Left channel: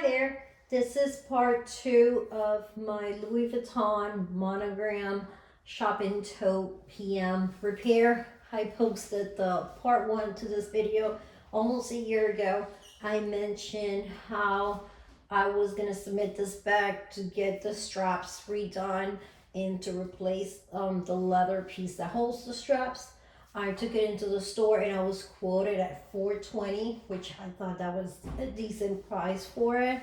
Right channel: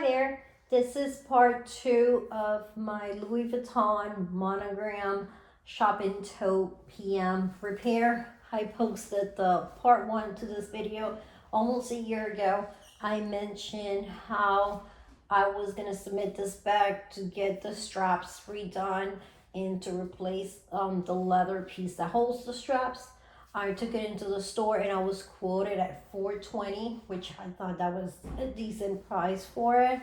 Hi there. This is part 2 of my Louis Vuitton Monogram Shopping Tote PM repair. I posted the part 1 to this video almost a year ago. I mentioned how I was going to submit this bag to get the straps redone and to replace the leather piece that holds the straps. I took it into the store and I was quoted at $420, which I thought that was a decent price for it.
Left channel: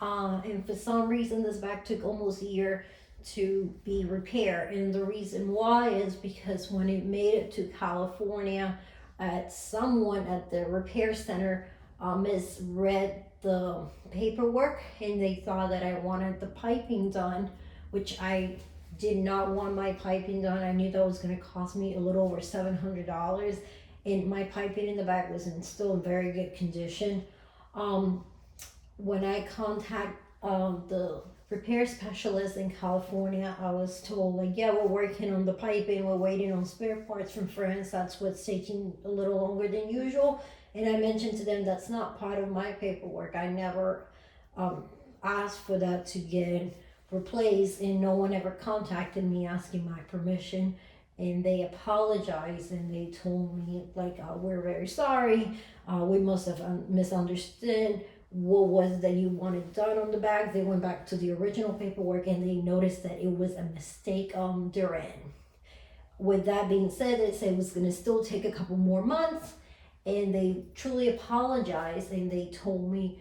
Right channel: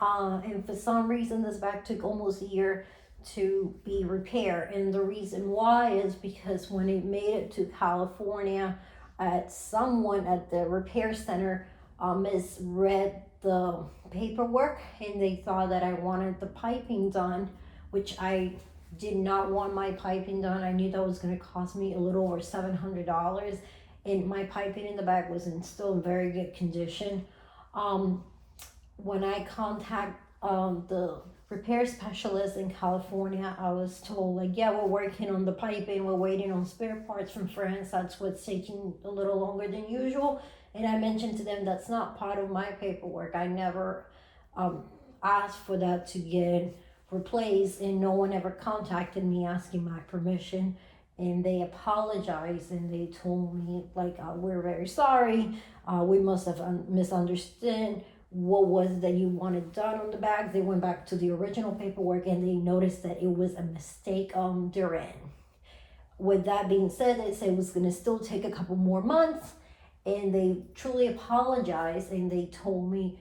And for some reason, this bag took almost a year to be repaired. And the reason why is because when it made it to California, someone at the repair center misread the paperwork and they thought that I wanted the piping done, which I did not want my piping done. I knew that was going to cost me a little over $700, and my piping in the bag was still in very good condition. When I contact the repair specialist in California, I was told, like, yeah, we're working on the piping, we're waiting on spare parts from France, that's what's taking a little longer than usual. And I mentioned to them that's not part of my paperwork. I never asked for that to get replaced, and no one ever contacted me asking my permission. And they apologized and they told me, like, we're very sorry, we must have misunderstood what was that you wanted done on the bag. They went back to the original paperwork and they noticed that it was a mistake on their end. With that being said, they said it was going to still take a couple more months, and they truly apologized and they told me,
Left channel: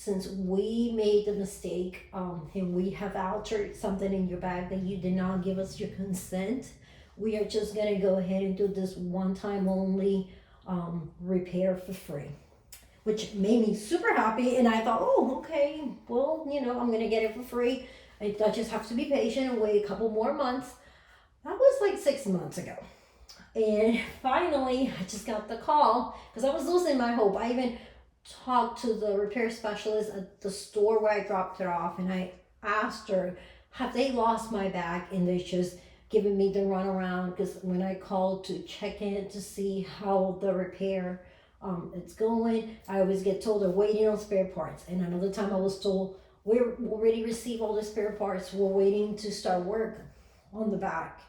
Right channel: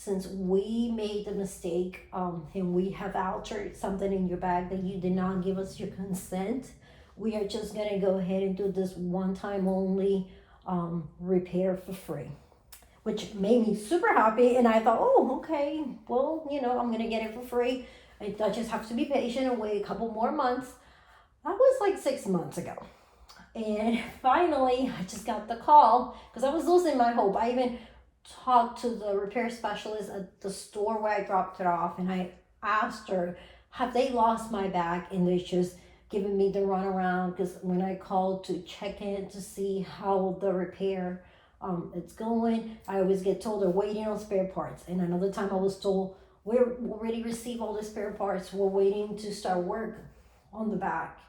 since we made the mistake and we have altered something in your bag that you did not give us your consent, we are just going to go ahead and do this one time only repair for free, which made me super happy. And I thought, oh, okay, well, I'm going to get it for free. I just have to be patient and wait a couple more months. That was like 6 months ago. And finally, I just got the call because I was losing my hope. I even talked to the repair specialist at the store where I dropped it off, and I asked her, have they lost my bag? And they just giving me the runaround, because when I called to check in to see how the repair it's going, I always get told they're waiting on spare parts. And another time I was told, we already received all the spare parts, we're waiting to start work on the back.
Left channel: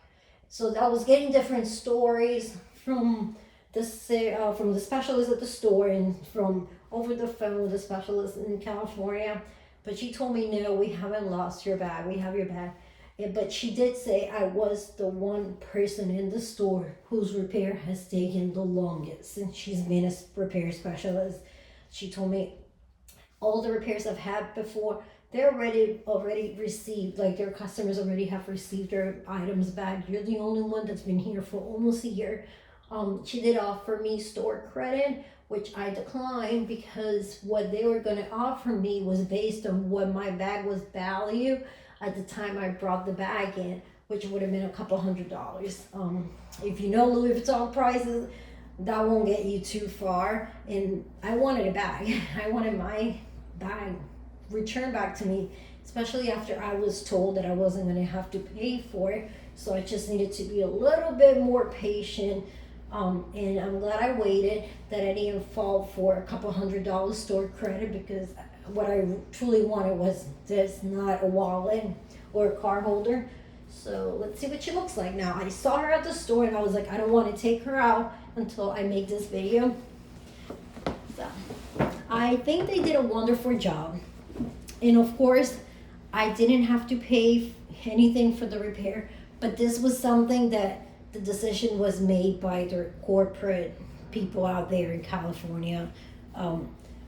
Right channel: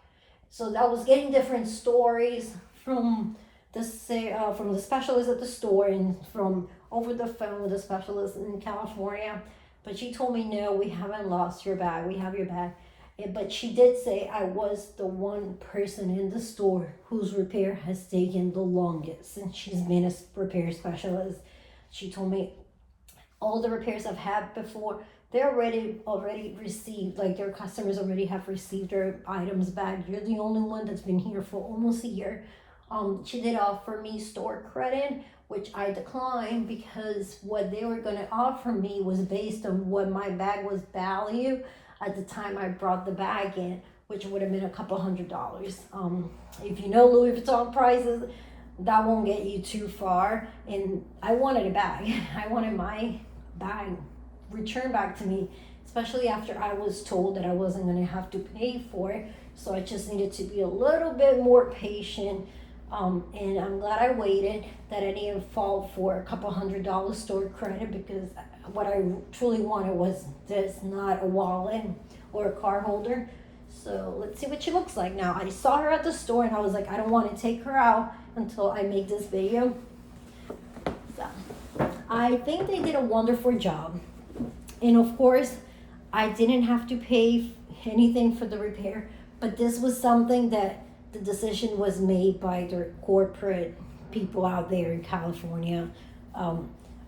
So I was getting different stories from the specialist at the store and from over the phone with the specialist in California. But she told me, no, we haven't lost your bag, we have your bag. But she did say I was the one person in the store whose repair has taken the longest since she's been a repair specialist. She told me all the repairs I've had before, they're already received, like their customers already have received their items back. You're the only one that's been here for almost a year. She did offer me store credit, which I declined because what they were going to offer me was based on what my bag was valued at the time I brought the bag in, which would have been a couple $100. If you know Louis Vuitton prices, that won't get you too far. And I wanted a bag. I wanted my bag returned back to me, especially after I was told that I wasn't going to have to pay for it. So I just needed to be a little bit more patient. And I'm glad I waited, that I didn't fall for a couple $100 store credit, because what I truly wanted was this, not a wallet or a card holder. So let's see what she looks like now. I saw her at the store and I was like, I don't want to take her out until I make this video. So I think they did a wonderful job. And of course, I didn't have to pay anything for the repair, but this was something that the decision was made by the corporate people out there in California.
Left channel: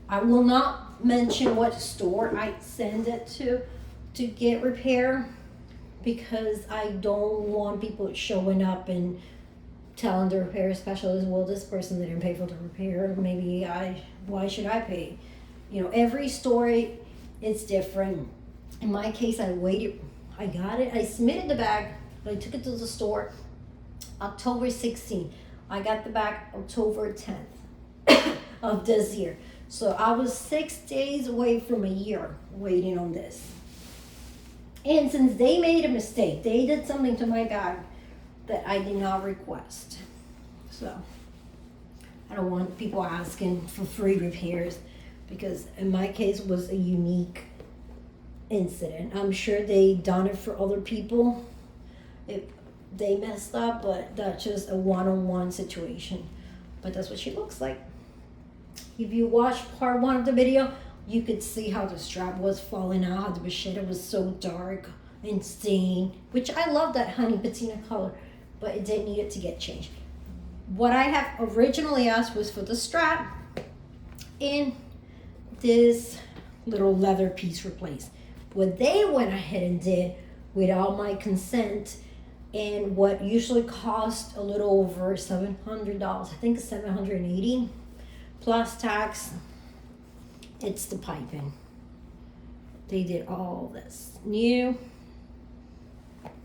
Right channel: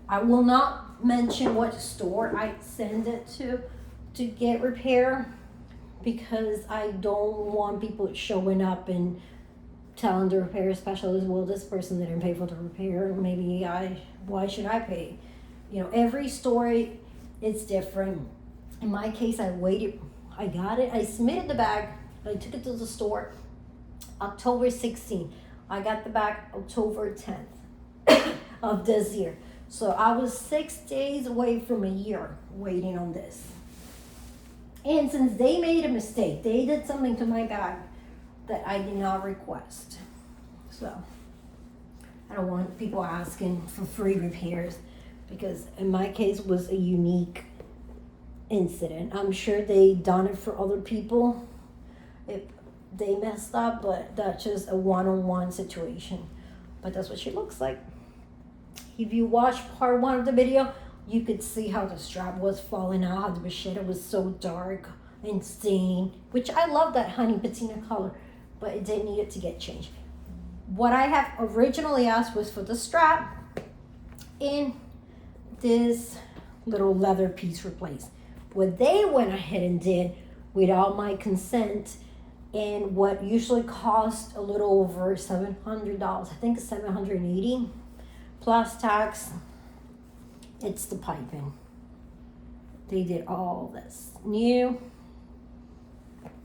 I will not mention what store I send it to get repair, because I don't want people showing up and telling the repair specialist, well, this person didn't pay for the repair, why should I pay? Every story is different. In my case, I waited, I got it, I submitted the bag, I took it to the store October 16th. I got the bag October 10th of this year. So I was 6 days away from a year waiting on this. And since they made a mistake, they did something to my bag that I did not request. So I don't want people asking for free repairs, because in my case it was a unique incident. I'm sure they done it for other people if they messed up, but that's just a one-on-one situation. But that's what she looks like. If you watch part 1 of the video, you could see how the strap was falling out, how the vachetta was so dark and stained, which I love that honey patina color, but it did need it to get changed. What I have originally asked was for the strap and this little leather piece replaced. What they went ahead and did without my consent, and what usually cost a little over $700, I think $780 plus tax, it's the piping. They did all this new.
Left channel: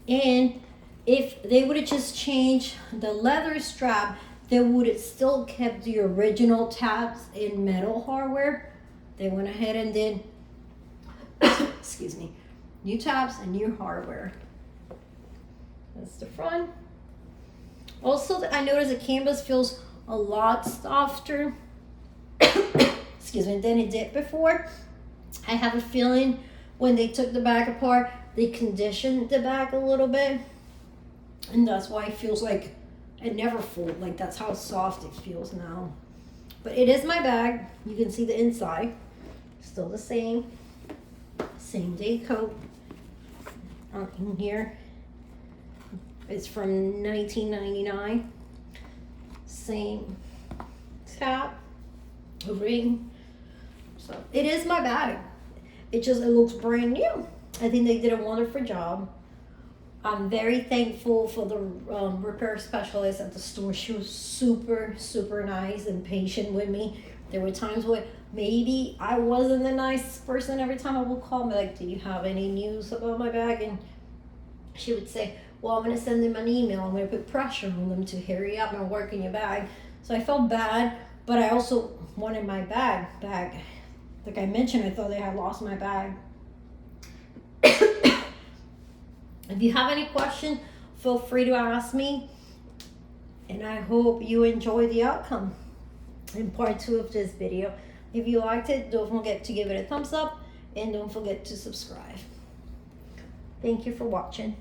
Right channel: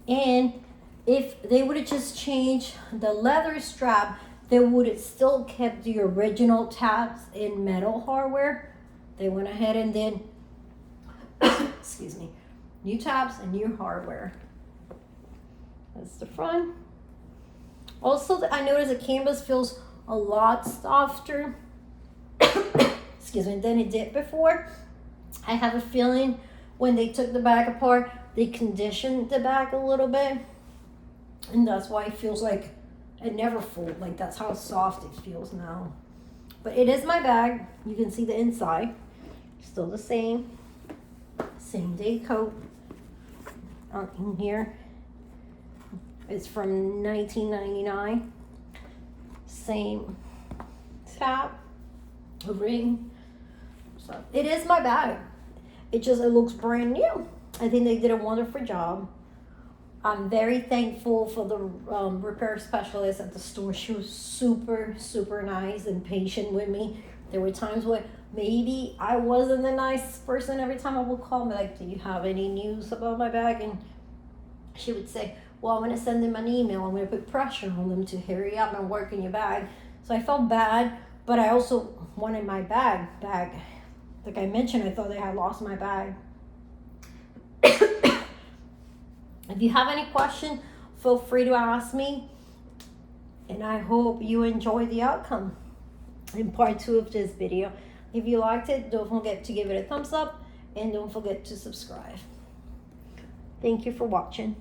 And if they would have just changed the leather strap, they would have still kept the original tabs in metal hardware. They went ahead and did excuse me, new tabs and new hardware. That's the front. Also, I noticed the canvas feels a lot softer excuse me, than it did before. I have a feeling when they took the bag apart, they conditioned the bag a little bit, and that's why it feels like it never folded. Like, that's how soft it feels now. But it is my bag. You can see the inside, still the same day coat in here. It's from 1999. Same tap, a ring. So it is my bag. It looks brand new. I think they did a wonderful job. I'm very thankful for the repair specialist at the store. She was super, super nice and patient with me. There were times where maybe I wasn't the nicest person. Every time I would call me, like, do you have any news about my bag? And she would say, well, I'm going to send them an email. I'm going to put pressure on them to hurry up and work in your bag. So I felt bad, but I also wanted my bag back. Like I mentioned, I thought I had lost my bag. If you have any questions, feel free to ask me. And I hope you enjoy the outcome in part 2 of this video. If you liked it, don't forget to give it a thumbs up and don't forget to subscribe. Thank you for watching.